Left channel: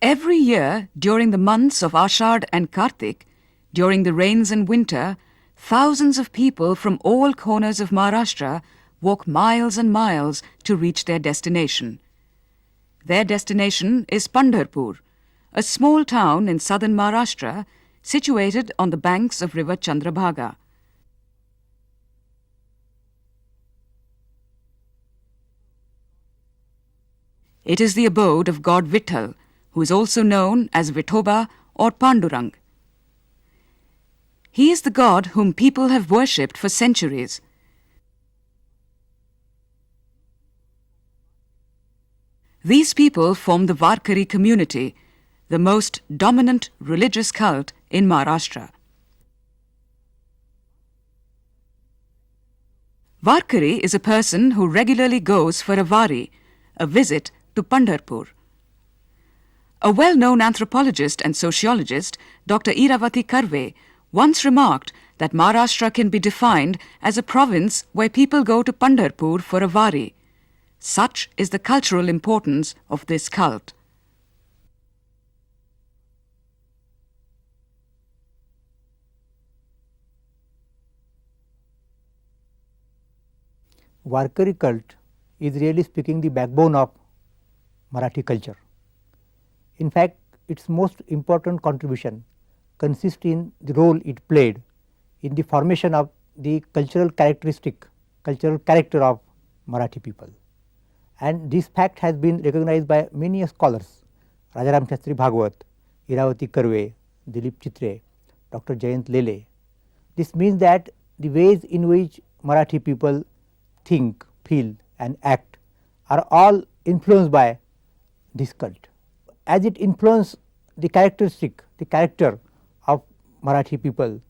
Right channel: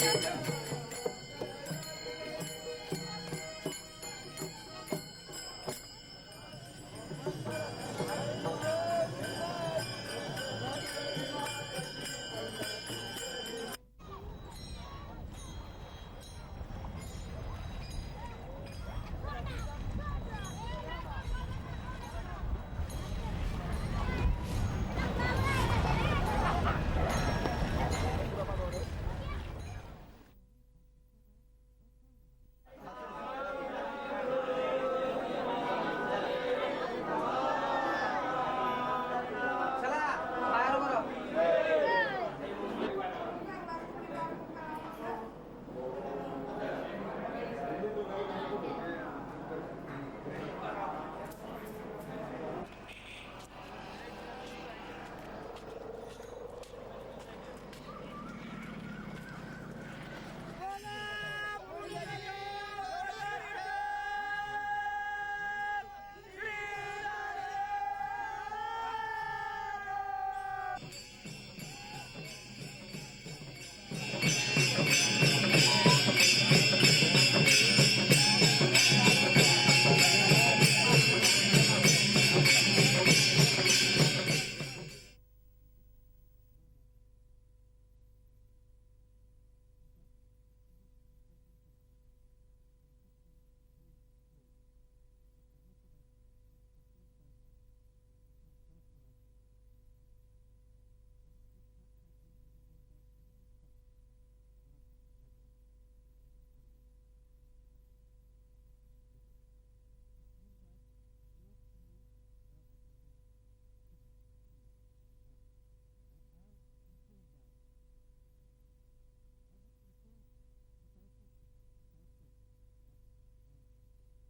Every year, during the months of Aashadh and Kartik, during the rains and winter, thousands of people from all corners of Maharashtra walk miles and miles to reach their destination. Their destination is Pandharpur, a small town in southern Maharashtra situated on the banks of river Chandrabhaga. It is the abode of god Vitthal, who is also known as Vithoba or Pandurang. He is the god whom people have worshipped for centuries. These people form the Varkari community, the most dominant religious cult in Maharashtra. Varkari is a person who regularly goes for a vari, a visit to Pandharpur. A well-known anthropologist and sociologist, Dr. Iravati Karve, once remarked that Maharashtra can be defined as a province where people go to Pandharpur for a vari. Such is the cultural importance of this cult. Varkari cult is really speaking the backbone of Marathi culture. In fact, its most important contribution consists in the role it played in the formation of the cultural character of Marathi people. And this fact has been recognized by many scholars, Rajaram Shastri Bhagwat, Iravati Karve, Dilip Chitre, Dr. Jayant Lele. This means that the ways in which Marathi people think, feel and act are all influenced by this cult. As it influenced the character of Marathi people,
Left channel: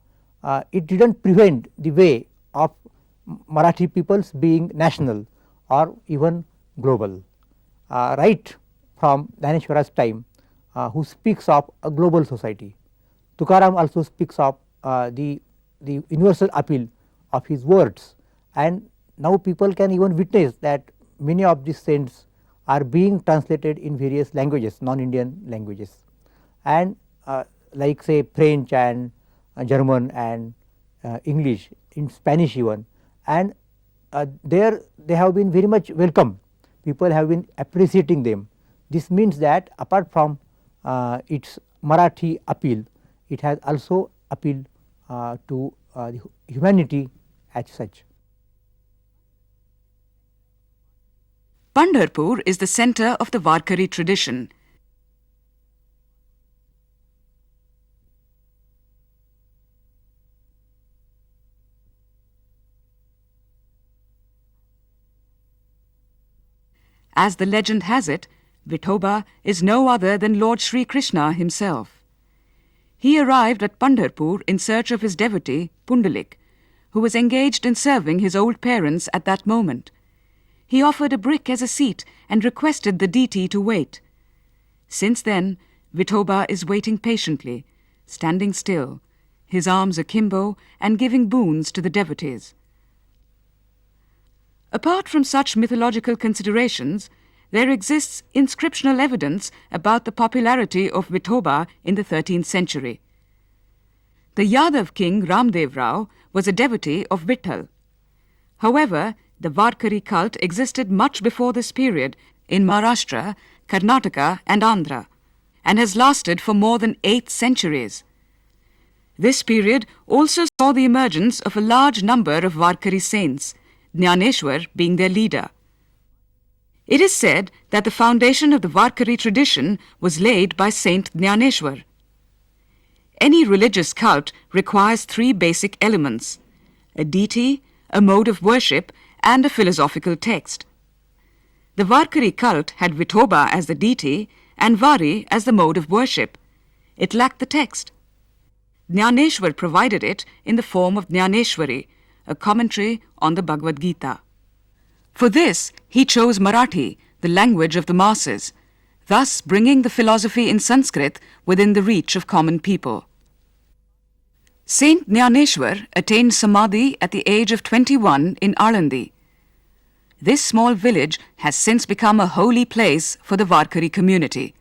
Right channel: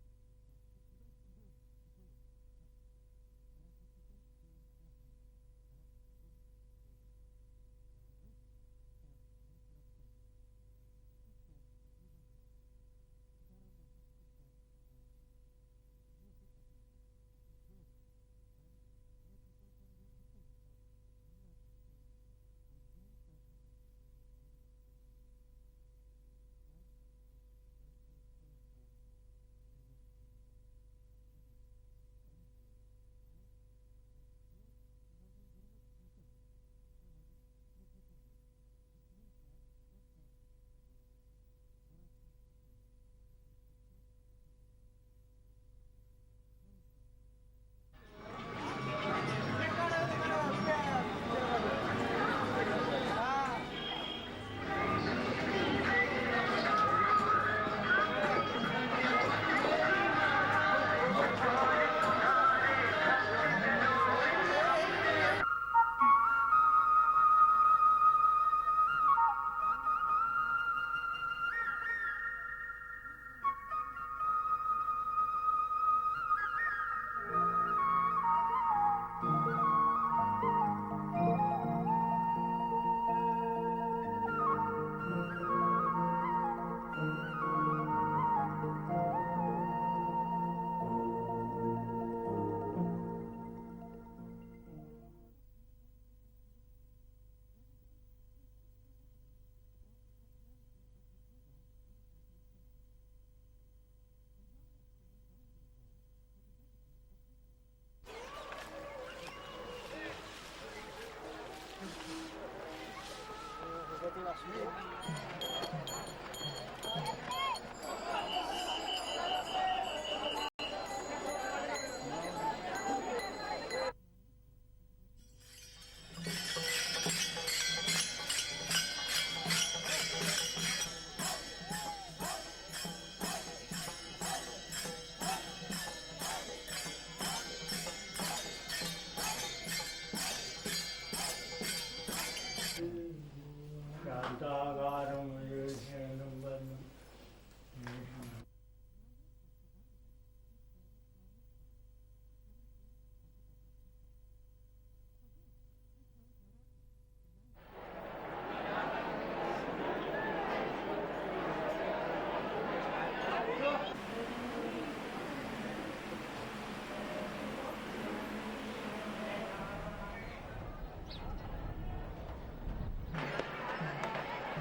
it did not prevent the way of Marathi peoples being national or even global. Right from Dnyaneshwara's time, who speaks of a global society. Tukaram also speaks of the universal appeal of his words, and now people can even witness that many of these saints are being translated in various languages, non-Indian languages, and like say French and German and English, in Spanish even, and there they have been very much welcome. People have been appreciating them. This means that apart from its Marathi appeal, it has also appealed to humanity as such. Pandharpur is the center of the Varkari tradition. As the legend has it, Vithoba is no other than Lord Shri Krishna himself. He arrived at Pandharpur in search of his devotee, Pundalik, who was engaged in serving his old parents at that moment. He offered a brick as a seat and requested the deity to wait. Since then, Vithoba is waiting patiently, standing still, his arms akimbo and giving boons to the devotees. Apart from such mythological considerations, there exists inscriptional evidence about the popularity of Vithoba in the 13th century. The Yadav king Ramdev Rao was a devotee of Vitthal. However, the Varkari cult existed much before this period in Maharashtra, Karnataka and Andhra, and has lasted for more than 8 centuries. This period also saw the emergence of a large number of Varkari saints, Dnyaneshwar being their leader. It is said that the foundation of the Varkari tradition was laid by Saint Dnyaneshwar. Any religious cult requires 3 basic elements: a deity, a mode of worship, and a philosophical text. The Varkari cult had Vithoba as the deity and Vari as the mode of worship. It lacked the text. Dnyaneshwar provided it in the form of Dnyaneshwari, a commentary on the Bhagavad Gita. For this, he chose Marathi, the language of the masses, thus bringing the philosophy in Sanskrit within the reach of common people. Saint Dnyaneshwar attained Samadhi at the age of 21 in Alandi. This small village has since become a holy place for the Varkari community.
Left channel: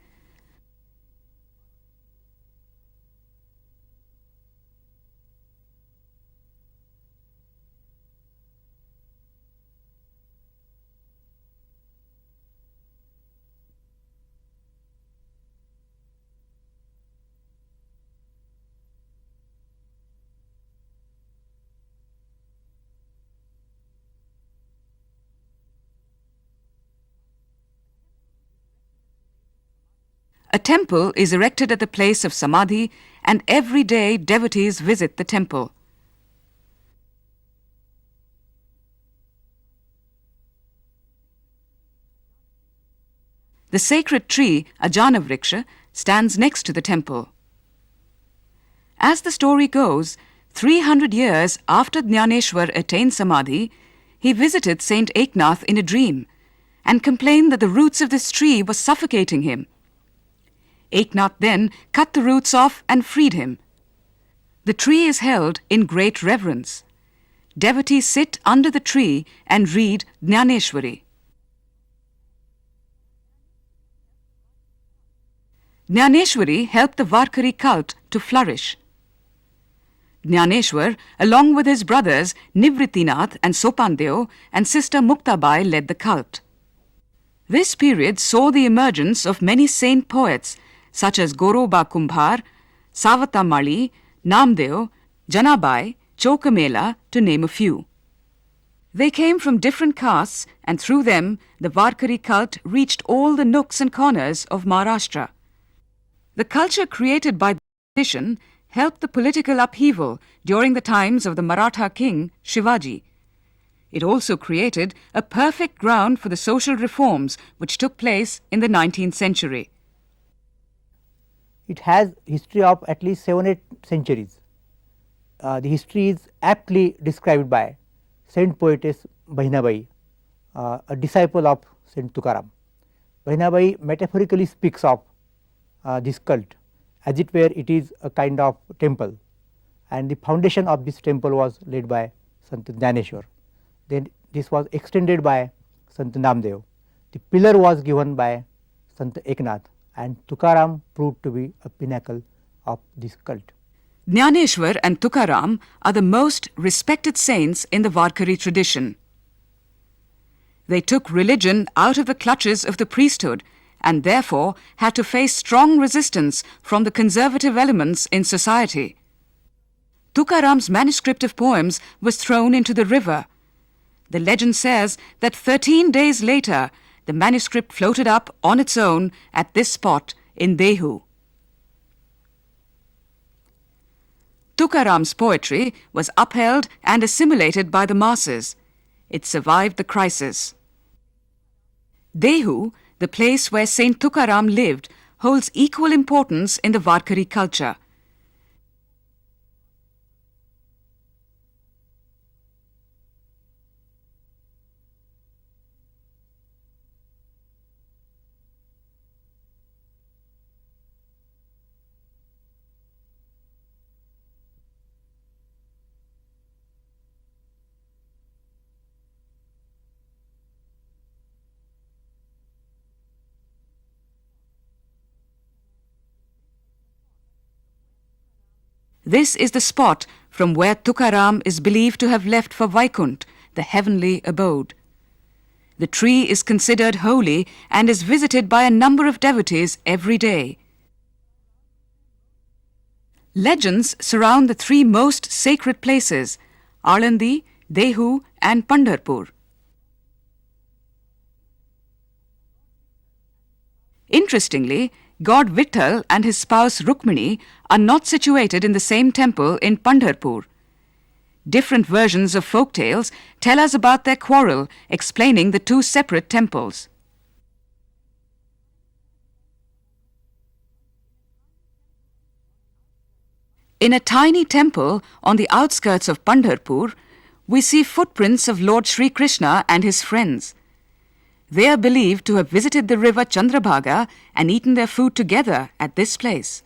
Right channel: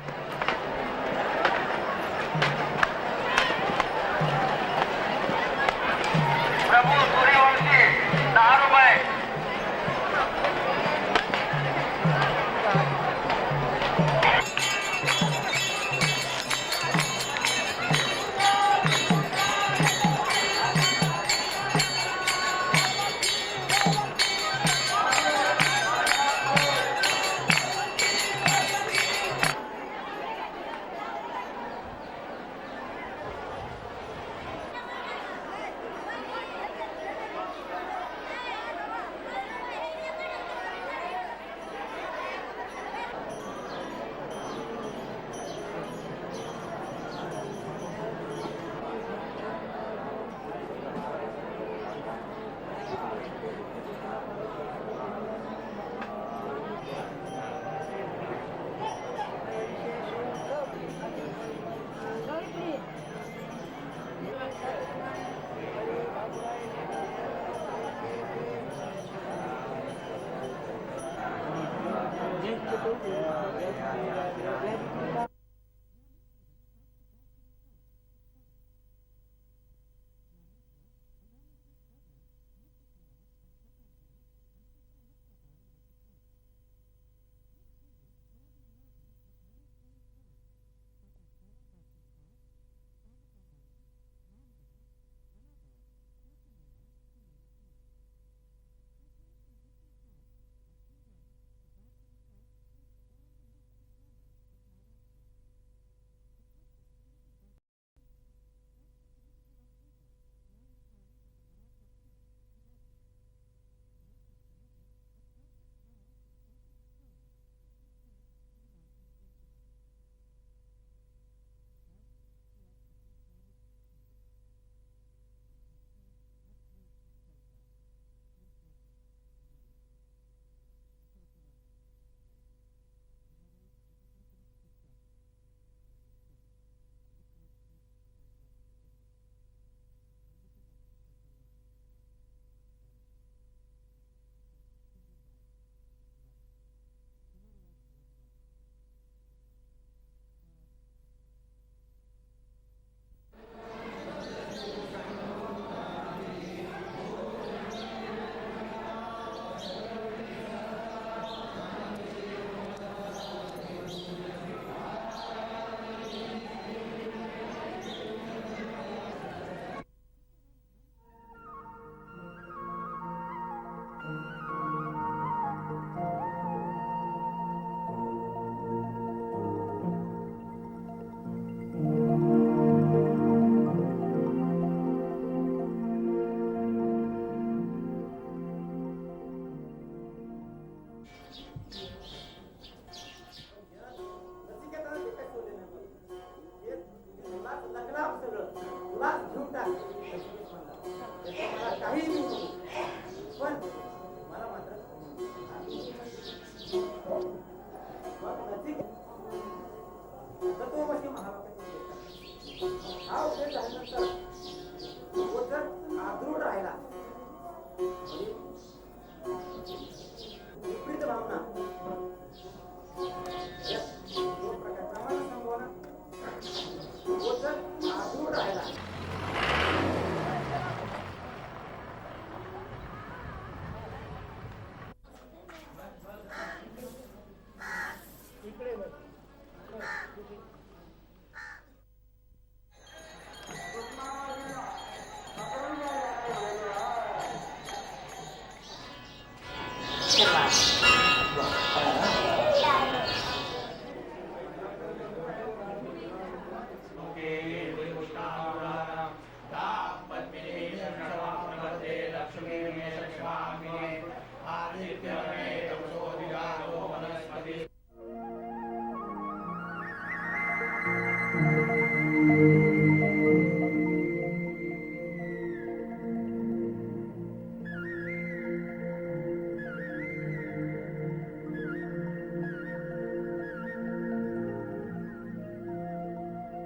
A temple is erected at the place of Samadhi, and every day devotees visit the temple. The sacred tree, Ajana Vriksha, stands next to the temple. As the story goes, 300 years after Dnyaneshwar attained Samadhi, he visited Saint Eknath in a dream and complained that the roots of this tree were suffocating him. Eknath then cut the roots off and freed him. The tree is held in great reverence. Devotees sit under the tree and read Dnyaneshwari. Dnyaneshwari helped the Varkari cult to flourish. Dnyaneshwar, along with his brothers Nivrittinath and Sopandeo and sister Muktabai, led the cult. This period saw the emergence of many saint poets such as Goroba Kumbhar, Savata Mali, Namdeo, Janabai, Chokamela, to name a few. They came from different castes, and through them the Varkari cult reached all the nooks and corners of Maharashtra. The culture created by the tradition helped the political upheaval during the times of the Maratha king Shivaji. It also created a perfect ground for the social reforms which took place in the 19th century. It has history of at least 7-8 centuries. The history is aptly described by Saint Poetess Bahinabai, a disciple of Saint Tukaram. Bahinabai metaphorically speaks of this cult as it were it is a kind of temple, and the foundation of this temple was laid by Sant Dnyaneshwar. Then this was extended by Sant Namdeo. The pillar was given by Sant Eknath, and Tukaram proved to be a pinnacle of this cult. Dnyaneshwar and Tukaram are the most respected saints in the Varkari tradition. They took religion out of the clutches of the priesthood and therefore had to face strong resistance from the conservative elements in society. Tukaram's manuscript of poems was thrown into the river. The legend says that 13 days later, the manuscript floated up on its own at this spot in Dehu. Tukaram's poetry was upheld and assimilated by the masses. It survived the crisis. Dehu, the place where Saint Tukaram lived, holds equal importance in the Varkari culture. This is the spot from where Tukaram is believed to have left for Vaikunt, the heavenly abode. The tree is considered holy and is visited by a number of devotees every day. Legends surround the three most sacred places, Alandi, Dehu and Pandharpur. Interestingly, God Vitthal and his spouse Rukmini are not situated in the same temple in Pandharpur. Different versions of folk tales tell us about their quarrel, explaining the two separate temples. In a tiny temple on the outskirts of Pandharpur, we see footprints of Lord Shri Krishna and his friends. They are believed to have visited the river Chandrabhaga and eaten their food together at this place.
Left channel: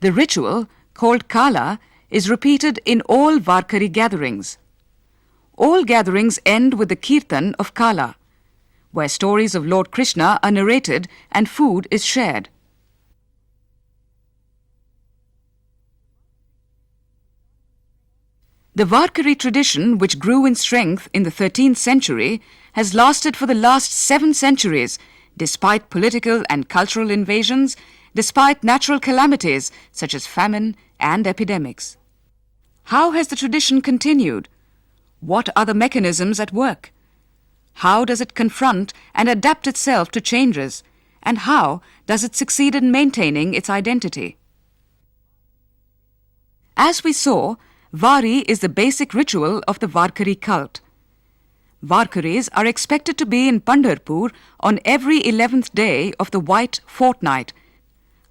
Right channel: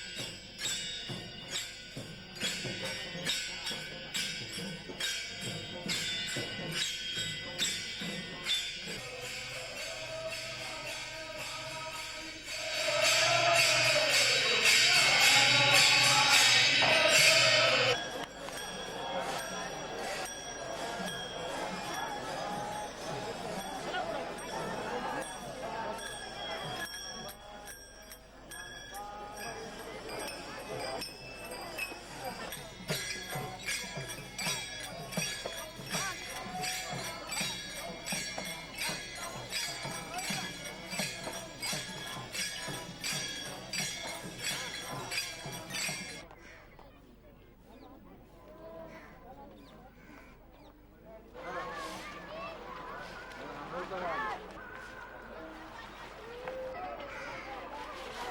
The ritual, called Kala, is repeated in all Varkari gatherings. All gatherings end with the Kirtan of Kala, where stories of Lord Krishna are narrated and food is shared. The Varkari tradition, which grew in strength in the 13th century, has lasted for the last 7 centuries, despite political and cultural invasions, despite natural calamities such as famine and epidemics. How has the tradition continued? What are the mechanisms at work? How does it confront and adapt itself to changes? And how does it succeed in maintaining its identity? As we saw, Vari is the basic ritual of the Varkari cult. Varkaris are expected to be in Pandharpur on every 11th day of the white fortnight.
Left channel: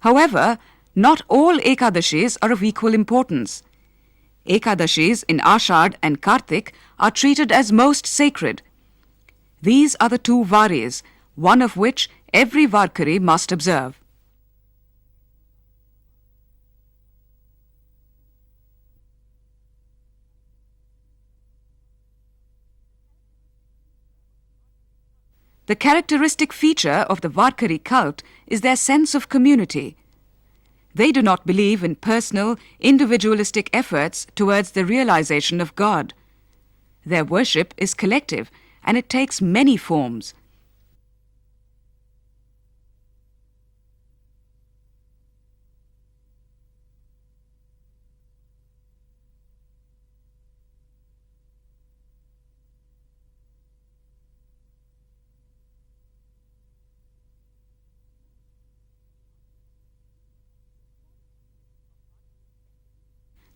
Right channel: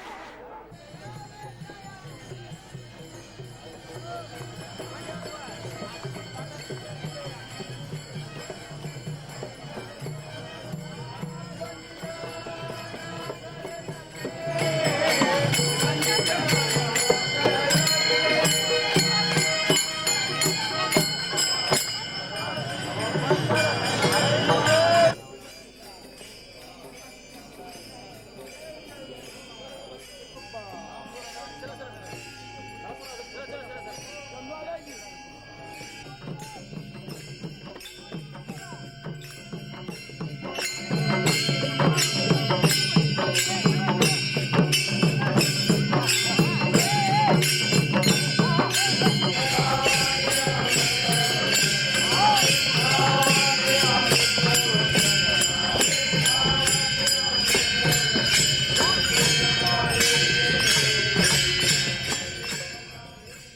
However, not all Ekadashis are of equal importance. Ekadashis in Aashadh and Kartik are treated as most sacred. These are the 2 Varis, one of which every Varkari must observe. The characteristic feature of the Varkari cult is their sense of community. They do not believe in personal, individualistic efforts towards the realization of God. Their worship is collective, and it takes many forms.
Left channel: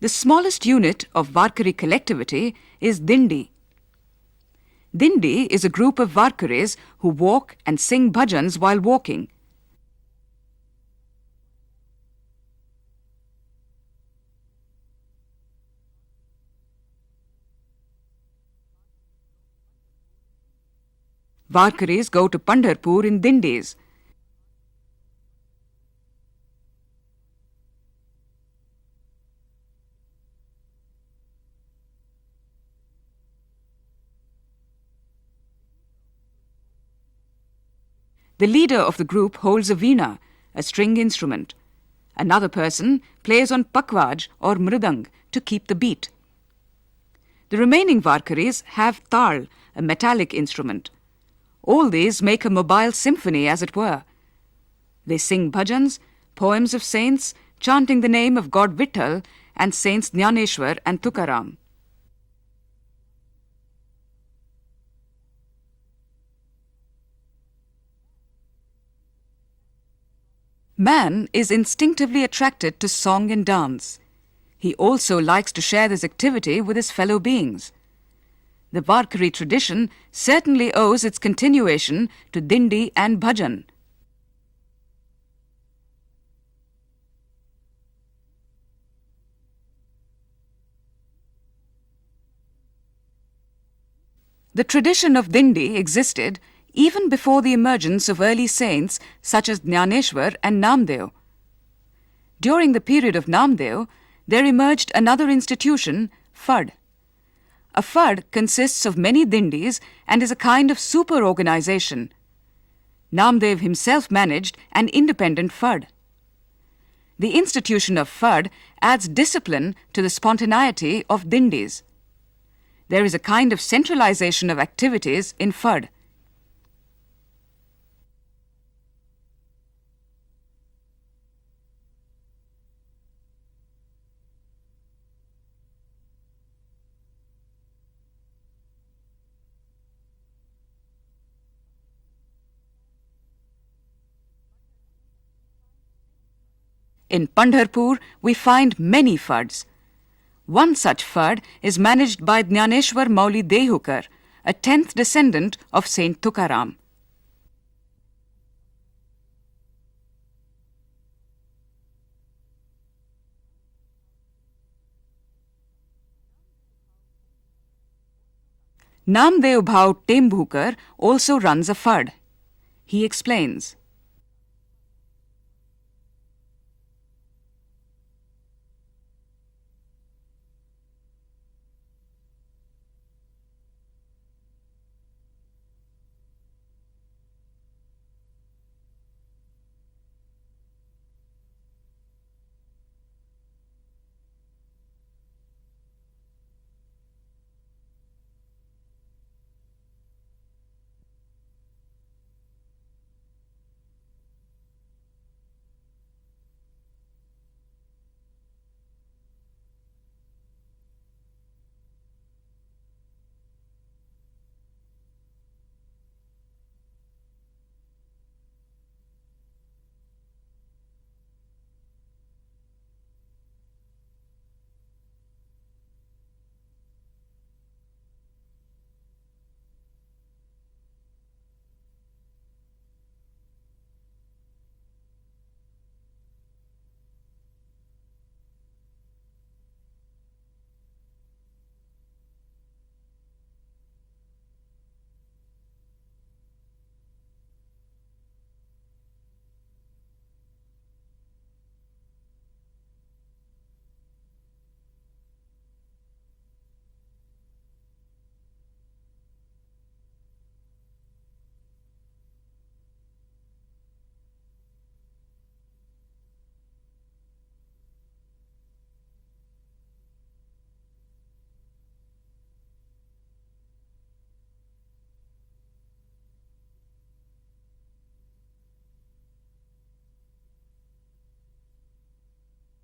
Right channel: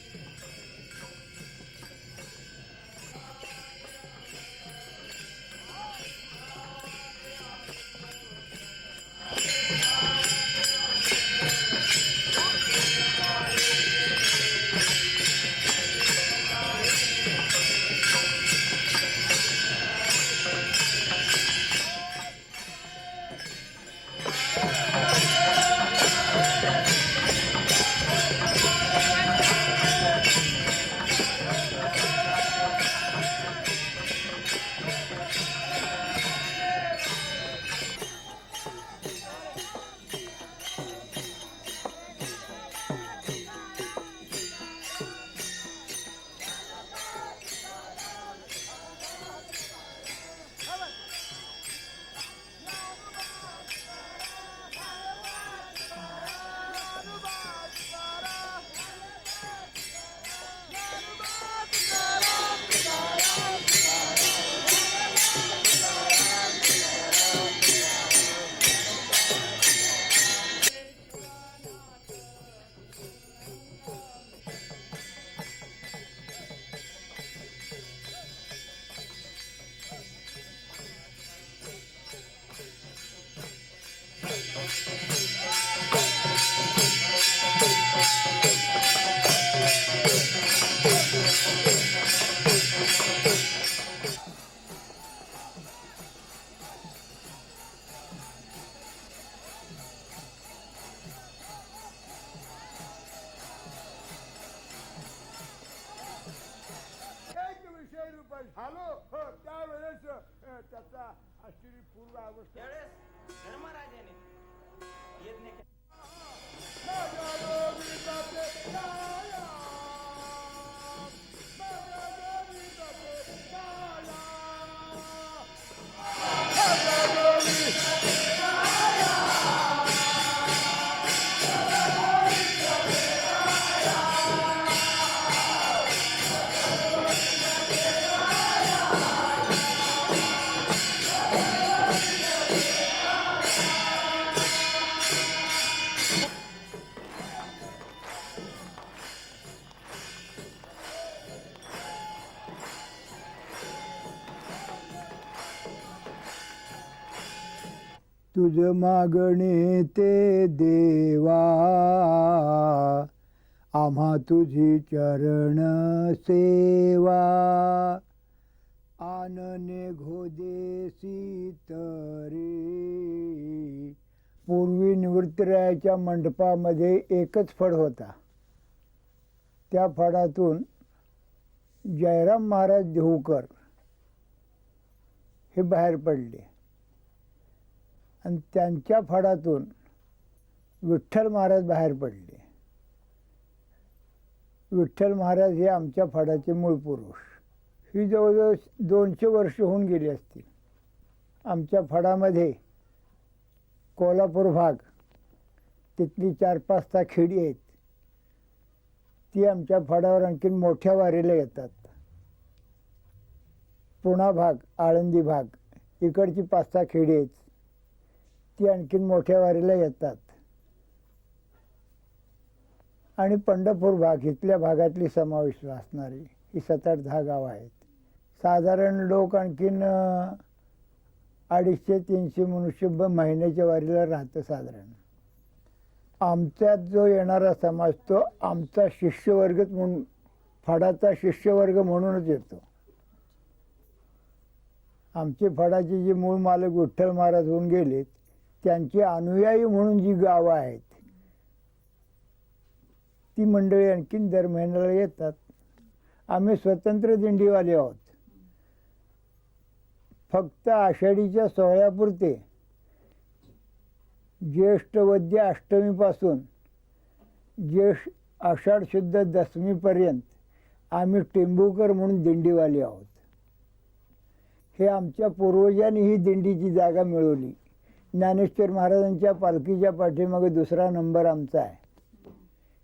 The smallest unit of Varkari collectivity is Dindi. Dindi is a group of Varkaris who walk and sing bhajans while walking. Varkaris go to Pandharpur in Dindis. The leader of the group holds a veena, a string instrument. Another person plays on pakvaj or mridang to keep the beat. The remaining Varkaris have tal, a metallic instrument. All these make a mobile symphony, as it were. They sing bhajans, poems of saints, chanting the name of God Vitthal and saints Dnyaneshwar and Tukaram. Man is instinctively attracted to song and dance. He also likes to share this activity with his fellow beings. The Varkari tradition certainly owes its continuation to Dindi and Bhajan. The tradition of Dindi existed even before the emergence of early saints such as Dnyaneshwar and Namdev. During the period of Namdev, there emerged another institution, Fad. A Fad consists of many Dindis and is a kind of super-organization. Namdev himself managed an independent Fad. The institution of Fad adds discipline to the spontaneity of Dindis. There is a kind of centralization of activities in Fad. In Pandharpur, we find many Fads. One such fad is managed by Dnyaneshwar Mauli Dehukar, a 10th descendant of Saint Tukaram. तुझ मागणे ते देवा आम्हा तुझी चरण सेवा. Namdev Bhau Tembhukar also runs a fad. He explains. पूर्वी निवृत्तीरायाच्या मंडपामध्ये एकच फड होता. त्या फडातून जयराम महाराज देहूकर हे बाहेर पडले आणि त्यांच्या फडातून विठ्ठल महाराज बाहेर पडले. विठ्ठल महाराज हे आमच्या फडाचे मूळ पुरुष. ही जवळजवळ 200 वर्ष होऊन गेली असतील. आमच्या फडामध्ये कोल्हापूर भाग, तिथली 4-5 खेडी आहेत, ती आमच्या फडावर आणखीन मोठ्या वारीला येतात. पुणा भाग, आळंदी भाग, इकडची 5-6 खेडी आहेत, ती आणखीन मोठ्या वारीला येतात. आणि पंढरपूर भाग, इथल्या भागातली समाविष्ट असणारी ही 7-8-10 गावं आहेत. साधारण लोक आणखीन 250-300 मनुष्य महिन्याच्या वारीला राहतं साधारण. आमच्यात जो येणारा समाज तो आमचा शिष्यवर्गच म्हणून, फडाचा शिष्यवर्ग म्हणूनच येतो. आमचे फडाचे जे मूळ मालक विठ्ठल महाराज होऊन गेलेत, त्यांचे अनुयायी म्हणून जी गावं आहेत ती मंडळी आणखीन दर महिन्याला येतात. आम्ही स्वतंत्र दिंडीवाले आहोत. फक्त आषाढीच्या सोहळ्यापुरते ज्येष्ठ वद्य अष्टमीपासून आषाढ शुद्ध दशमीपर्यंत आम्ही टेंबूकर म्हणून दिंडीवाले आहोत. हे आमच्या पूर्वजांनी ही दिंडीची जागा मिळवली. ज्ञानेश्वर महाराजांच्या पालखीच्या पाठीमागे 2रा नंबर आमचा आहे.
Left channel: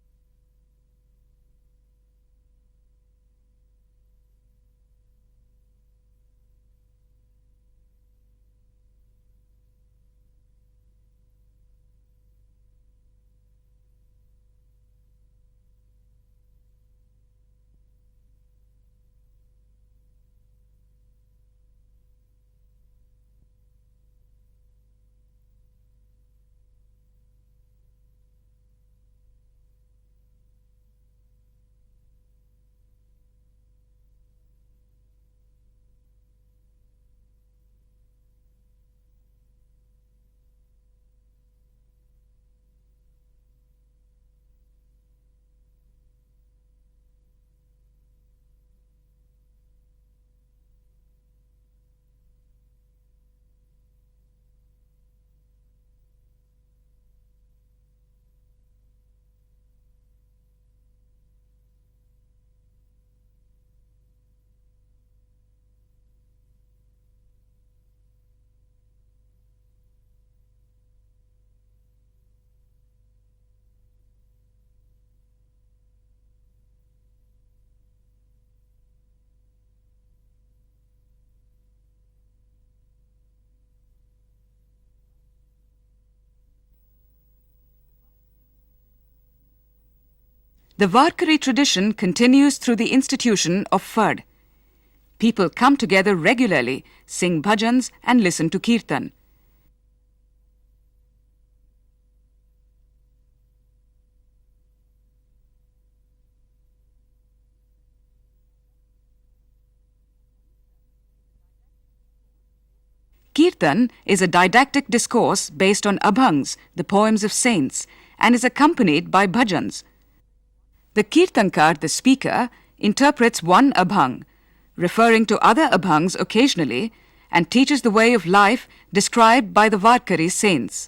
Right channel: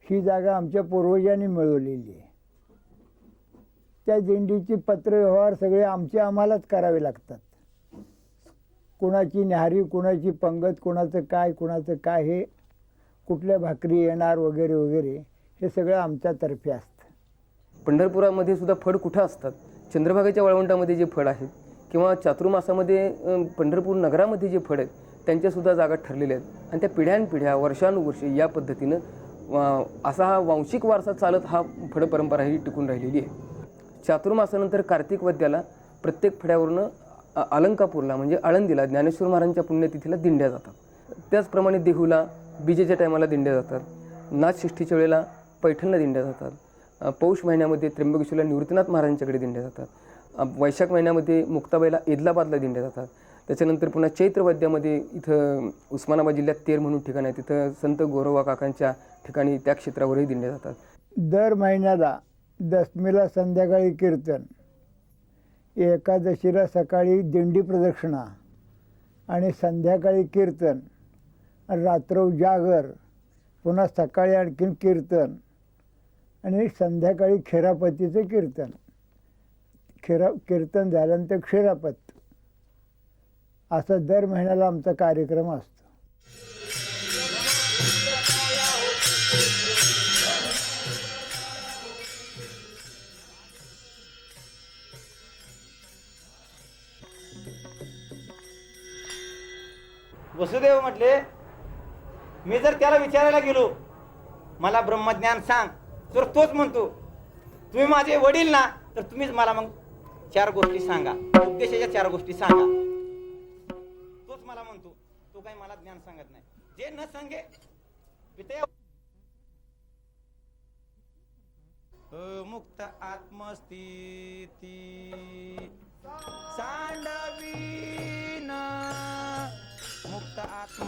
ही जागा आमच्या पूर्वजांनी मिळवलेली आहे. त्या दिंडीची पत्रव्यवहार सगळे आम्हालाच करावे लागतात. कुणाची न्याहारी, कुणाची पंगत, कुणाचं काय हे कुठल्या भाकरी येणार वगैरे वगैरे हे सगळं आमच्यातर्फे असतं. पंढरपुरामध्ये सुद्धा फड कुठं असतात? चंद्रभागेच्या वाळवंटामध्ये जे फड आहेत किंवा चातुर्मासामध्ये पंढरपूर नगरामध्ये जे फड आहेत त्यांच्यासुद्धा जागा ठरलेल्या आहेत. आणि त्या पिढ्यानपिढ्या वर्षानुवर्षे या पद्धतीनं असा हा वांशिक वारसा चालत हा फड परंपरा ही टिकून राहिलेली आहे. चातुर्मासानंतर कार्तिक वद्याला प्रत्येक फड्यावरनं अलंकापूरला म्हणजे आळंदीला ज्ञानेश्वर महाराजांच्या पुण्यतिथीला दिंड्या जातात. त्याचप्रमाणे देहूला बीजेच्या टायमाला दिंड्या जातात. नाथषष्ठीच्या वेळेला पैठणला दिंड्या जातात. पौष महिन्यामध्ये त्र्यंबकेश्वरला निवृत्तीनाथ महाराजांच्याकडे दिंड्या जातात. वैशाख महिन्यामध्ये मुक्ताबाईला एदलाबादला दिंड्या जातात. त्याच्यानंतर पुन्हा चैत्र वद्यामध्ये इथं उस्मानाबाद जिल्ह्यात तेर म्हणून ठिकाण आहे, तिथं संत गोरोबा काकांच्या ठिकाणी त्या क्षेत्रावरही दिंड्या जातात. दर महिन्याला दशमीला संध्याकाळी कीर्तन, एकादशीला सकाळी दिंडी प्रदक्षिणा आणि संध्याकाळी कीर्तन, रात्र जागर, पुन्हा सकाळी आणखीन कीर्तन आणि संध्याकाळी खेरापतीचं कीर्तन. कीर्तन झाल्यानंतर क्षीरापत, असा दर महिन्याला आमचा कार्यक्रम असतो. The Varkari tradition continues through the institution of fad. People come together regularly, sing bhajans and listen to kirtan. Vasudev म्हटले, मी जर त्याला विचारायला गेलो मला ब्रह्मज्ञान सांग तर तोच म्हणतो तुम्ही माझे वडील ना, तर तुम्हीच मला मग 4 गोष्टी सांगा, उपदेशाच्या 4 गोष्टी सांगा. Kirtan is a didactic discourse based on abhangs, the poems of saints, and is accompanied by bhajans. The kirtankar, the speaker, interprets one abhang, referring to other abhangs occasionally, and teaches the way of life described by the Varkari saints.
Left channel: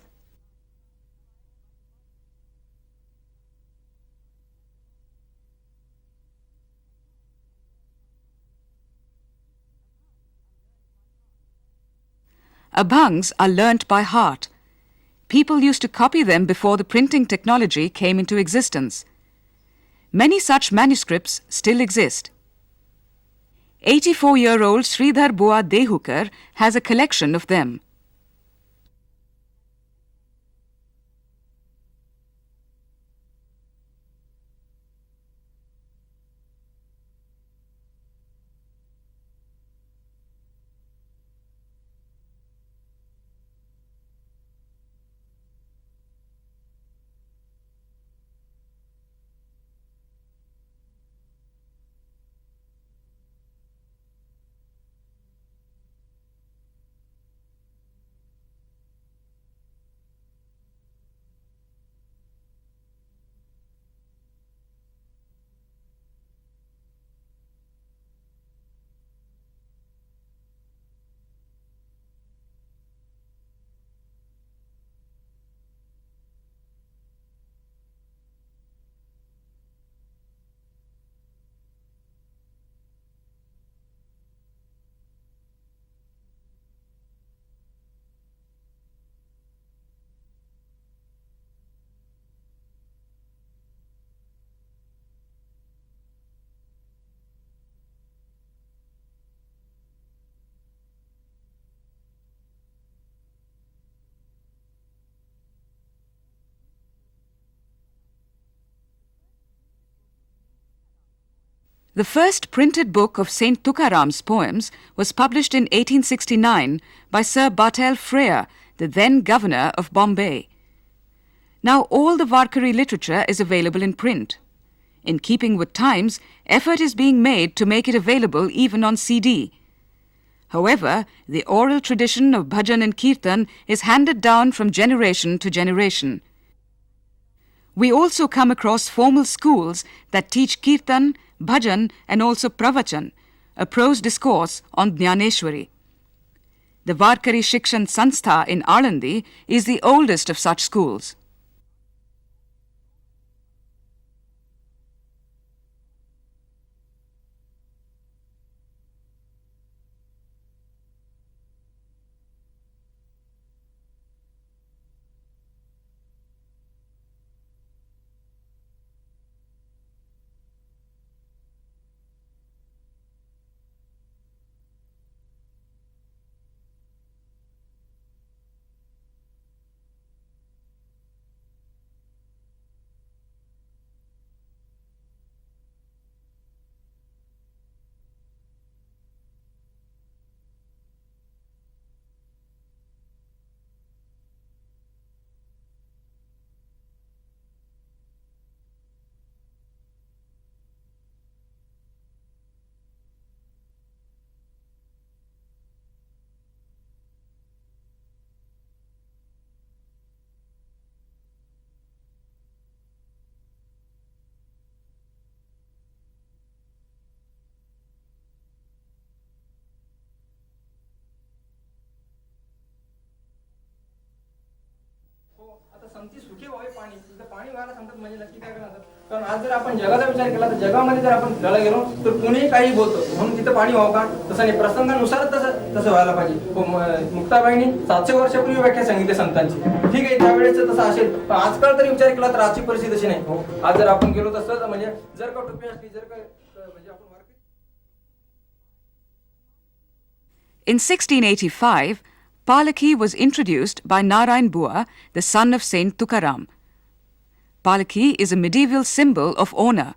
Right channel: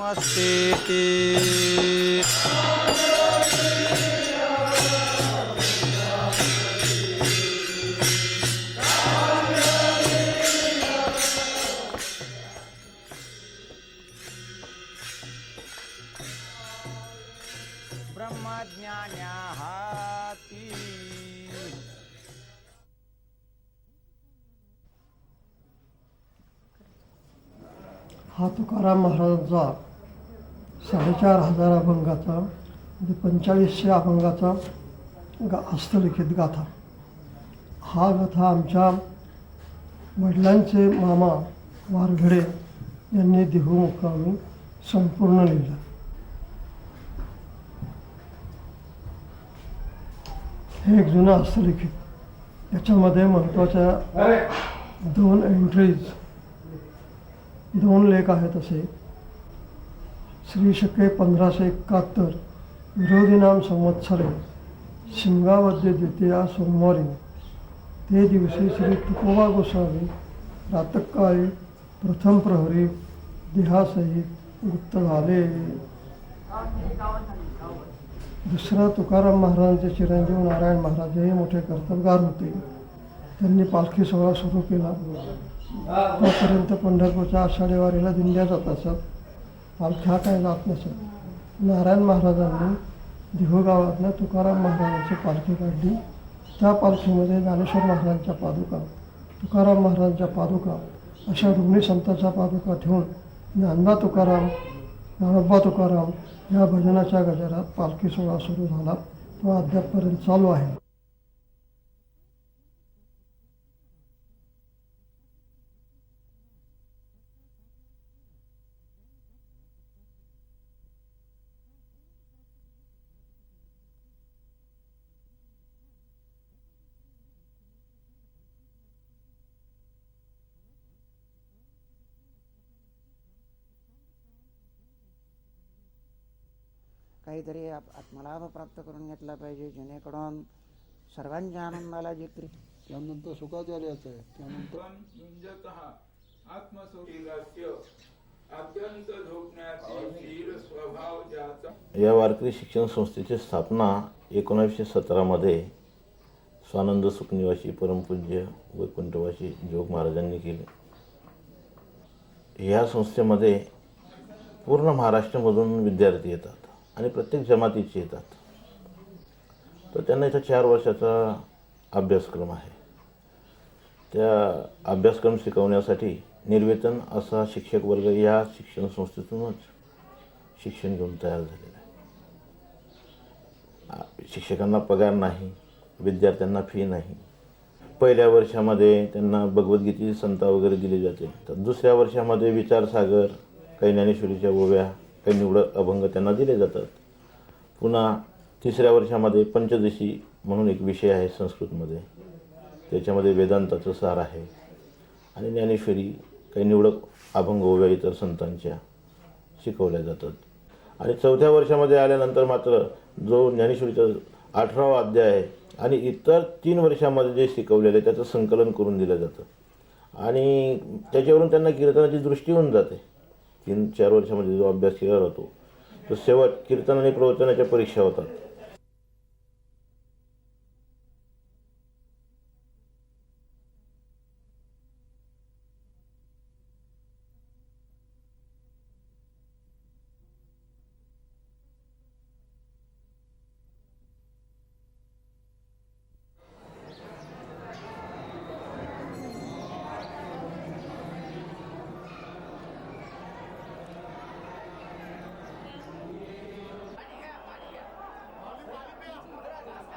Abhangs are learnt by heart. People used to copy them before the printing technology came into existence. Many such manuscripts still exist. 84-year-old Sridhar Bua Dehukar has a collection of them. हा तुकाराम महाराजांचा 4,500 अभंगाचा म्हणजे 4500 अभंगाचा हस्तलिखित गाथा. हा गाथा आमच्या वडिलांचे मामा वारघडे यांनी देहू मुक्कामी संपूर्ण लिहिला. हे एक जुनं हस्तलिखित. याच्यामध्ये महत्त्वाच्या 2 एंट्रीज, 2 लेख आहेत असे. श्री शके 1571 विरोधीनाम संवत्सरे शिमगामध्ये द्वितीया सोमवारी ते दिवशी श्री तुकोबा गोसावी प्रातःकाळी प्रथम प्रहरी देहासहित गुप्त झाले. दुसरा तुकाराम महाराजांचे चिरंजीव नारायण महाराज हे मोठे कर्तबगार होते. त्यांनी पालखी सोहळा सुरू केला. तोपर्यंत पंढरपूरच्या आषाढी वारीला दिंड्या जात असत. पालख्या काय जात नसत. नारायण महाराजांनी देहू गावातनं तुकाराम महाराजांची पालखी काढली. त्या पालखीमध्ये ज्ञानेश्वर महाराजांच्या पादुका, तुकाराम महाराजांच्या पादुका अशा रुग्णी संतांच्या पादुका ठेवून ज्ञानबा तुकाराम, ज्ञानोबा तुकाराम या भजनाच्या गजरात पालखी सोहळा सुरू झाला. तो अद्यापपर्यंत चालू आहे. The first printed book of Saint Tukaram's poems was published in 1869 by Sir Bartel Frere, the then governor of Bombay. Now all the Varkari literature is available in print. In keeping with times, effort is being made to make it available even on CD. However, the oral tradition of bhajan and kirtan is handed down from generation to generation. We also come across formal schools that teach kirtan, bhajan and also pravachan, a prose discourse on Dnyaneshwari. The Varkari Shikshan Sanstha in Alandi is the oldest of such schools. या वारकरी शिक्षण संस्थेची स्थापना 1917 मध्ये स्वानंद सुखनिवासी परमपूज्य वैकुंठवासी जोग महाराजांनी केली. ह्या संस्थेमध्ये पूर्ण महाराष्ट्रामधून विद्यार्थी येतात आणि प्रत्येक जमातीचे येतात. तर त्यांना इथं 4 वर्षाचा अभ्यासक्रम आहे. त्या अभ्यासक्रम शिकवण्यासाठी निर्वेतन असा शिक्षक वर्ग या शिक्षण संस्थेतूनच शिक्षण घेऊन तयार झालेला आहे. शिक्षकांना पगार नाही, विद्यार्थ्यांना फी नाही. पहिल्या वर्षामध्ये त्यांना भगवद्गीतेची संता वगैरे दिली जाते. तर दुसऱ्या वर्षामध्ये विचारसागर, काही ज्ञानेश्वरीच्या ओव्या, काही निवडक अभंग त्यांना दिले जातात. पुन्हा तिसऱ्या वर्षामध्ये पंचदशी म्हणून एक विषय आहे संस्कृतमध्ये, त्याच्यामध्ये वेदांताचं सार आहे आणि ज्ञानेश्वरी, काही निवडक अभंग ओव्या इतर संतांच्या शिकवल्या जातात. आणि चौथ्या वर्षामध्ये आल्यानंतर मात्र जो ज्ञानेश्वरीचा 18वा अध्याय आहे आणि इतर 3 वर्षामध्ये जे शिकवलेले त्याचं संकलन करून दिलं जातं आणि त्याच्यावरून त्यांना कीर्तनाची दृष्टी होऊन जाते. 3-4 वर्षामध्ये जो अभ्यास केला जातो तो शेवट कीर्तन आणि प्रवचनाच्या परीक्षा होतात. कारण आज जर आपण जगाचा विचार केला तर जगामध्ये जर आपण फिरायला गेलो तर कुणीही काही बोलतो म्हणून तिथं पाणी व्हावं का, तसं नाही, प्रसंगानुसारच तसं व्हायला पाहिजे. मुक्ताबाईंनी 700 वर्षापूर्वी व्याख्या सांगितली संतांची, ठीक आहे, त्यावेळेस तसं असेल. पण आजकाल तरी विचार केला तर आजची परिस्थिती तशी नाही. आज जर आपण गेलो तसं म्हणजे जर का टोपी असली, जर का In 1685, Palkhi was introduced by Narayan Bua, the son of Saint Tukaram. Palkhi is a medieval symbol of honor.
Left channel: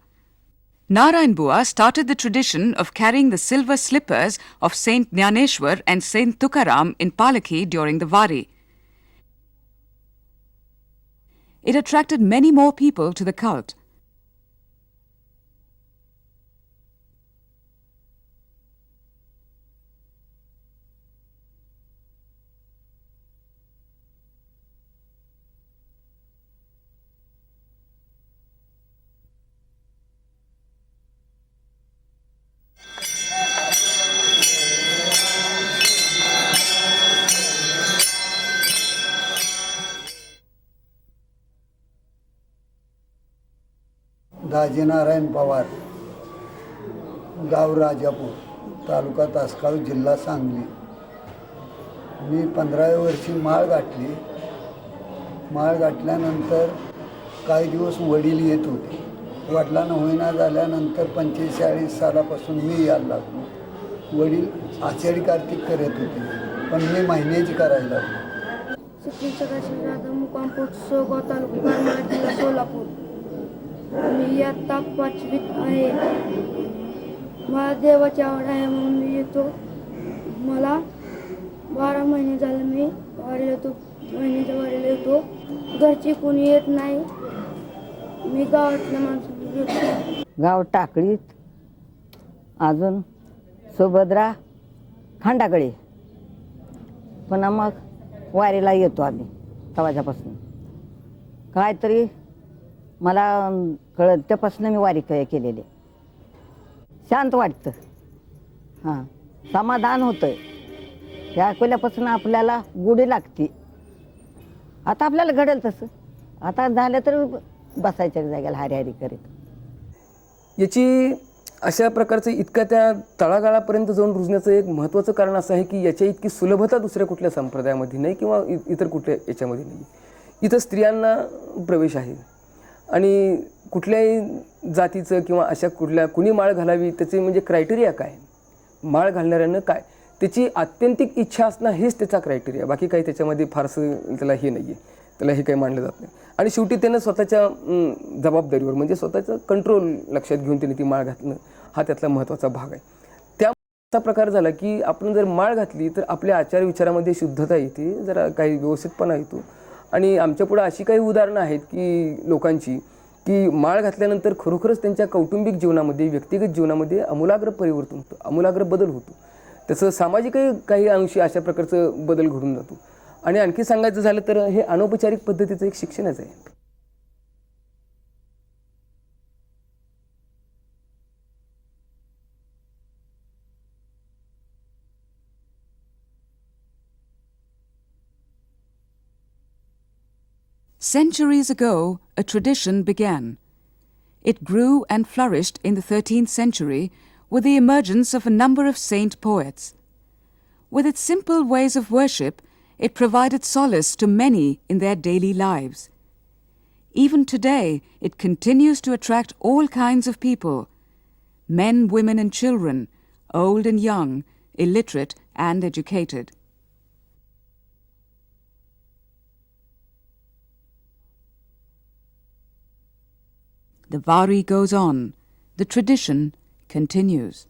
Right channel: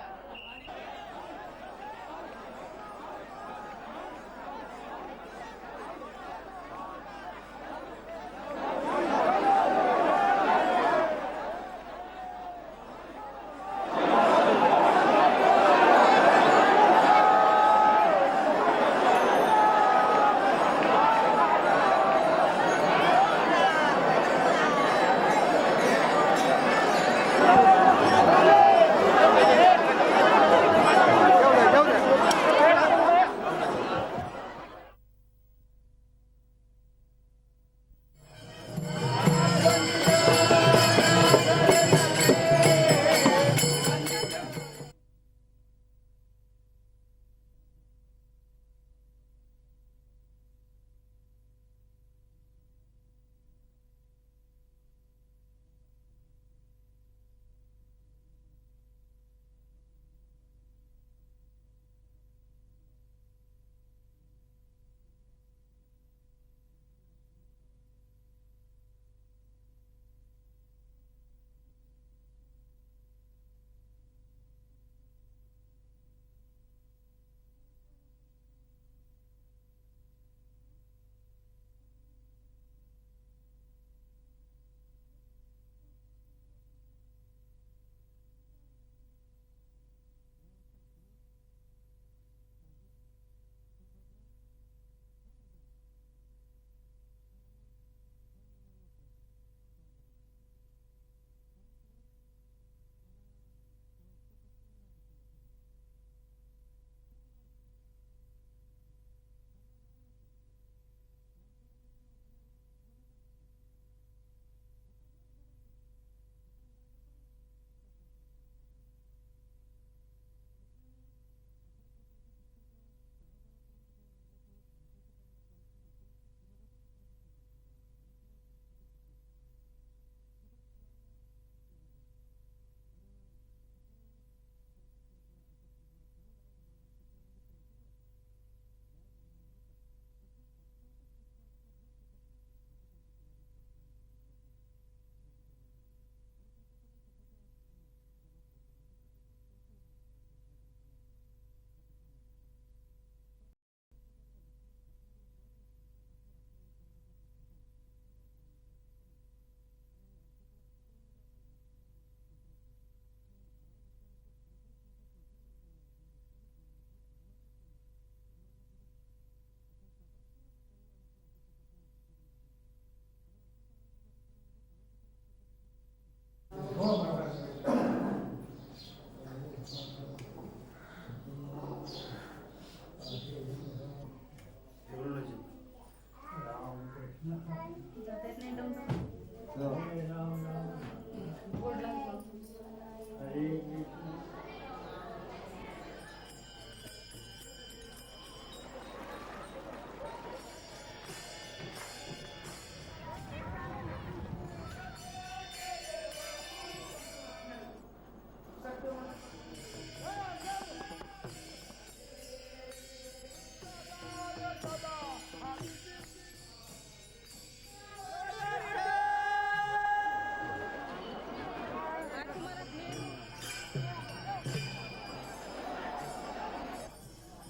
Narayan Bua started the tradition of carrying the silver slippers of Saint Dnyaneshwar and Saint Tukaram in Palkhi during the Wari. It attracted many more people to the cult. Narayan Pawar, गाव राजापूर, तालुका तासगाव, जिल्हा सांगली. मी 15व्या वर्षी माळ गाठली. माळ गाठल्यानंतर काही दिवस वडील येत होते. वडिलांना होईना झाल्यानंतर 45-40 सालापासून मी यायला लागलो. वडील आषाढी कार्तिक करत होते पण मी महिन्याची करायला लागलो. श्री मुक्काम पोस्ट सोगाव तालुका सोलापूर. मी आता 5वीत आहे. मला देवाची आवड आहे म्हणून मी येतो. मला 12 महिने झाले मी वारीला येतो. महिन्याच्या वारीला येतो. घरची कोणी येत नाही. मी गावातल्या माणसाला येतो. गाव टाकळीत, अजून सुभद्रा खांडाकडे. पुन्हा मग वारीला येतो आम्ही तवाच्यापासून. काहीतरी मला कळत त्यापासून मी वारी केलेली. शांत वाटतं, हां, समाधान होतंय. त्या अकोल्यापासून आपल्याला गुढी लागते. आता आपल्याला घडेल तसं. आता झालं तर बसायच्या जागेला हरी हरी करीत. याची अशा प्रकारचं इतक्या त्या तळागाळापर्यंत जाऊन रुजण्याचं एक महत्त्वाचं कारण असं आहे की याच्या इतकी सुलभता दुसऱ्या कुठल्या संप्रदायामध्ये नाही किंवा इतर कुठल्या याच्यामध्ये नाही. इथं स्त्रियांना प्रवेश आहे आणि कुठल्याही जातीचं किंवा अशा कुणी माळ घालावी त्याचे म्हणजे क्रायटेरिया काय, माळ घालणाऱ्यानं काय, त्याची आत्यंतिक इच्छा असणं हेच त्याचा क्रायटेरिया. बाकी काही त्याच्यामध्ये फारसं त्याला हे नाही आहे, त्याला हे काही मानलं जात नाही. आणि शेवटी त्यानं स्वतःच्या जबाबदारीवर म्हणजे स्वतःचं कंट्रोल लक्षात घेऊन त्याने ती माळ घातणं हा त्यातला महत्त्वाचा भाग आहे. त्या प्रकार झाला की आपण जर माळ घातली तर आपल्या आचार विचारामध्ये शुद्धता येते, जरा काही व्यवस्थितपणा येतो. आणि आमच्यापुढं अशी काही उदाहरणं आहेत की लोकांची की माळ घातल्यानंतर खरोखरच त्यांच्या कौटुंबिक जीवनामध्ये, व्यक्तिगत जीवनामध्ये आमूलाग्र परिवर्तन होतं, आमूलाग्र बदल होतो. त्याचं सामाजिकही काही अंशी अशा प्रकारचं बदल घडून जातो. आणि आणखी सांगायचं झालं तर हे अनौपचारिक पद्धतीचं एक शिक्षणच आहे. Centuries ago, a tradition began. It grew and flourished in the 13th century with the emergence of a number of saint poets. With its simple ways of worship, it provided solace to many in their daily lives. Even today, it continues to attract all kinds of people: men, women and children, old and young, illiterate and educated. The Vari goes on. The tradition continues.